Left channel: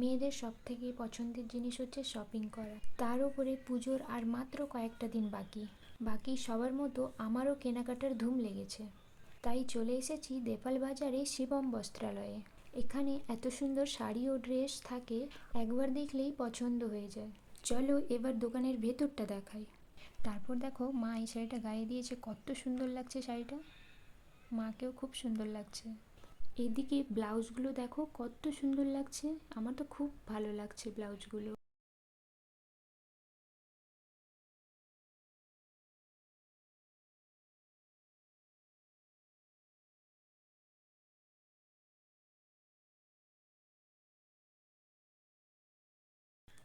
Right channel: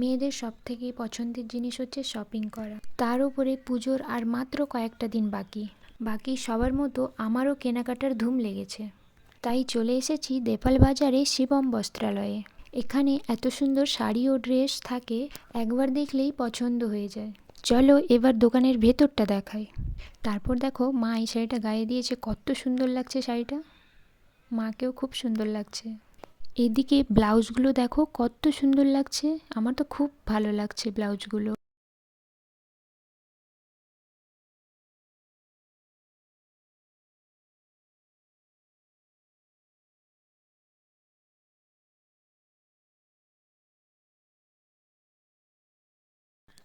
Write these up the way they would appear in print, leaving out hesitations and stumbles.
মেয়েদের সবথেকে পছন্দের জিনিস হচ্ছে শপিং করা, তার উপরে পুজোর আর মাত্র কয়েকটা দিন বাকি সবার মতো আমারও কেনাকাটার ধুম লেগেছে। তাই চলে এসেছি দেপাল বাজারে শিবম বস্ত্রালয়ে। এখানে এত সুন্দর শাড়ি ও ড্রেস থাকে, একবার দেখলেই পছন্দ হয়ে যায়। চলো এবার দোকানের ভেতরটা দেখাই। তারপর দেখো মা এই শাড়িটা গায়ে দিয়েছে, কত সুন্দর লাগছে শাড়িটা, মাকেও খুব সুন্দর লাগছে। এদিকে ব্লাউজগুলো দেখো কত সুন্দর লাগছে, আমার তো খুব ভালো লাগছে ব্লাউজগুলো।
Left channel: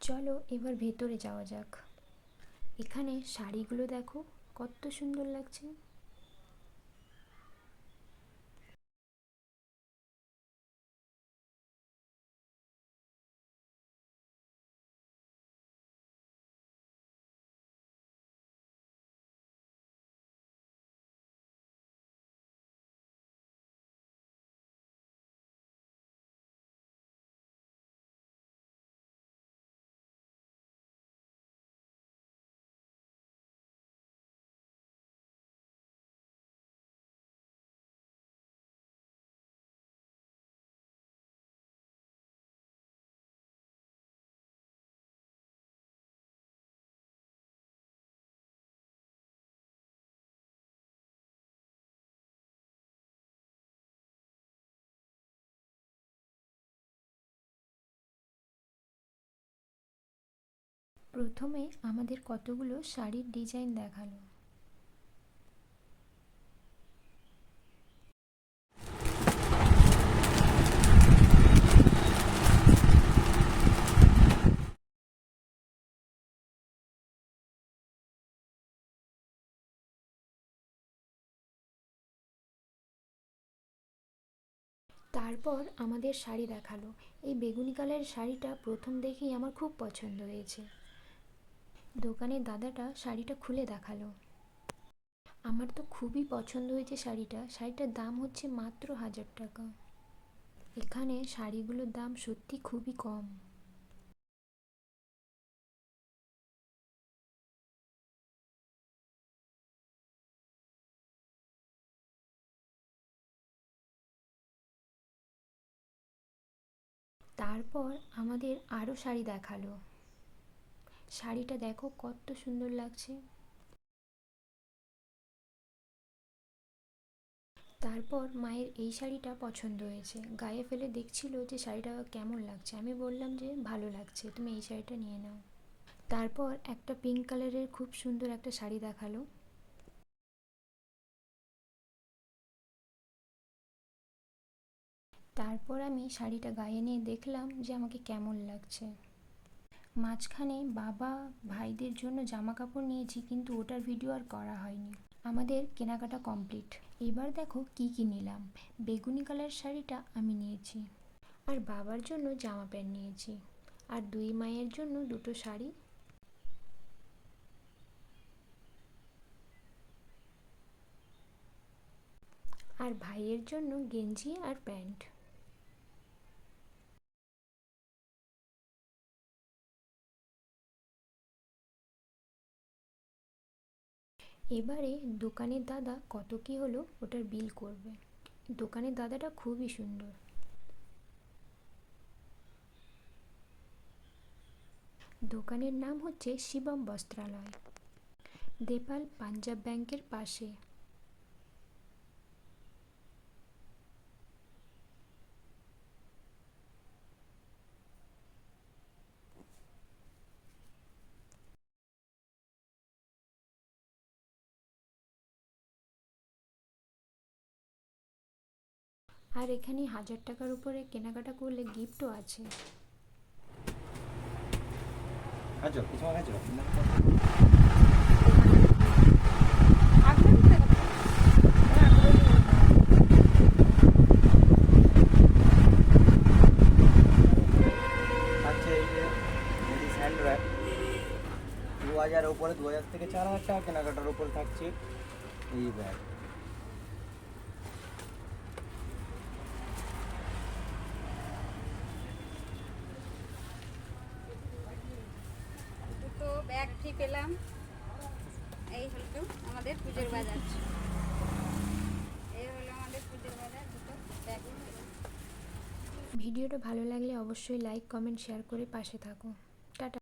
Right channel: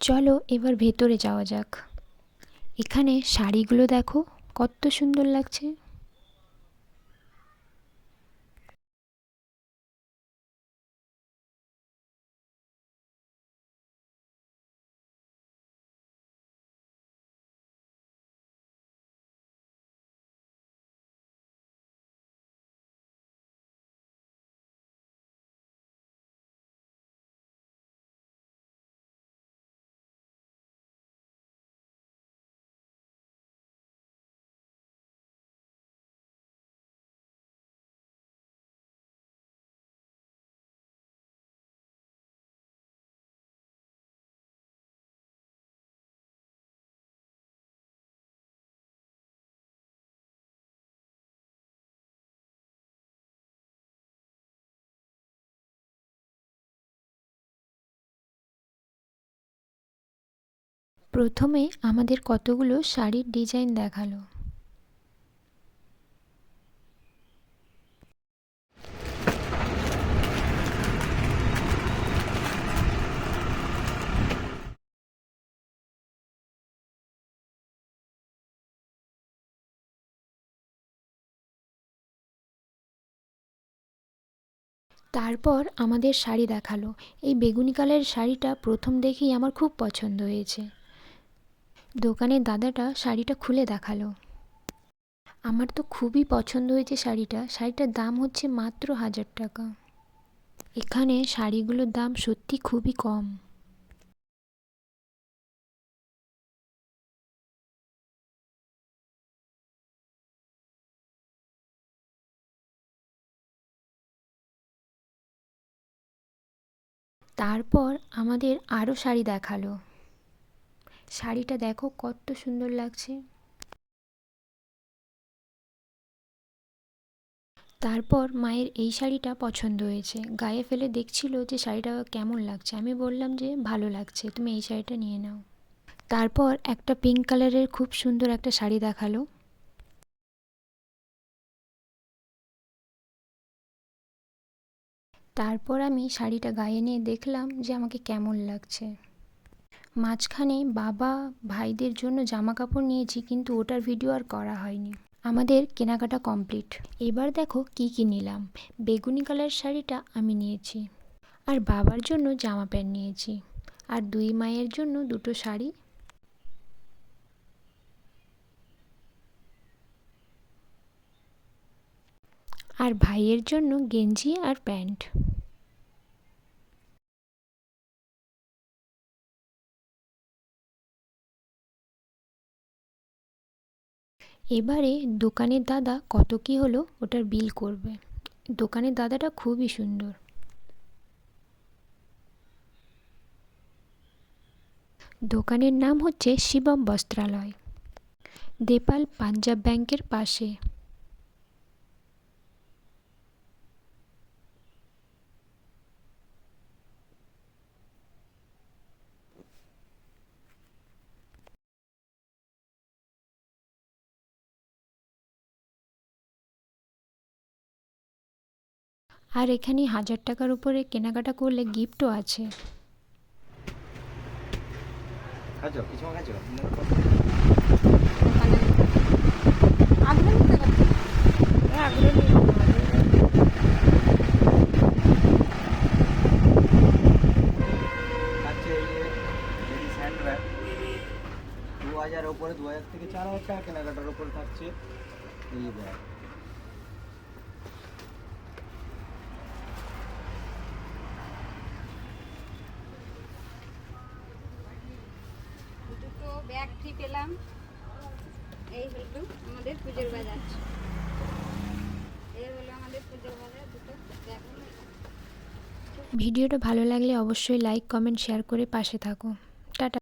চলো এবার ভেতরে যাওয়া যাক। এখানে শাড়িগুলো দেখো কত সুন্দর লাগছে। প্রথমে আমাদের কতগুলো শাড়ির ডিজাইন দেখালো। তারপর আমাদের শাড়ি দেখালো। এই বেগুনি কালারের শাড়িটা প্রথম দেখেই আমার খুব পছন্দ হয়েছে। দোকানের দাদাটা শাড়িটা খুলে দেখালো। আমার তো খুবই পছন্দ হয়েছে শাড়িটার দাম হচ্ছে মাত্র 1000 টাকা। এখানে শাড়িগুলোর দাম সত্যি খুবই কম। তারপর আমাদের আরও শাড়ি দেখালো। শাড়িটা দেখো কত সুন্দর লাগছে। তারপর মায়ের এই শাড়িটা পছন্দ হয়েছে, গায়ে ফেলে দেখছিল যে শাড়িটা কেমন লাগছে। আমি বললাম যে ভালো লাগছে, তুমি এই শাড়িটা নিয়ে নাও। তারপর একটা পিঙ্ক কালারের খুব সুন্দর একটা শাড়ি দেখালো। তারপর আমি শাড়িটা গায়ে নিয়ে দেখলাম যে আমাকে কেমন লাগছে। মাঝখানে বাবা ভাইদের জন্য জামা কাপড় নিয়েছি, কিন্তু ওটার ভিডিও আর করা হয়নি। আমাদের কেনাকাটা কমপ্লিট। এবার দেখো কি কি নিলাম। বেগুনি কালার শাড়িটা আমি নিয়েছি, আর বাবার জন্য জামা প্যান্ট নিয়েছি, আর দুই মায়ের জন্য দুটো শাড়ি, আর ভাইয়ের জন্য গেঞ্জি আর প্যান্ট। এবারে দোকানের দাদা কত কি হলো ওটার বিল করবে। দোকানের দাদাটা খুবই সুন্দর। দোকানের নাম হচ্ছে শিবম বস্ত্রালয়, দেপাল পাঞ্জাব ব্যাংকের পাশে। আর এখানে 1000 টাকার উপরে কেনাকাটা করলে গিফটও আছে। আচ্ছা, এই যে লেডিস হ্যান্ড ব্যাগ 2000 ওপরে, 2000 থেকে 4000 টাকা কেনাকাটার ওপর থাকছে এই ব্যাগ। এলাম। এই হলো আমাদের পুজোর বাজার, এই হলো আমাদের পুজোর বাজার। দুটো ব্যাগ নিয়ে এলাম। ভিডিওটা ভালো লাগলে অবশ্যই লাইক কমেন্ট শেয়ার করে পাশে থাকো।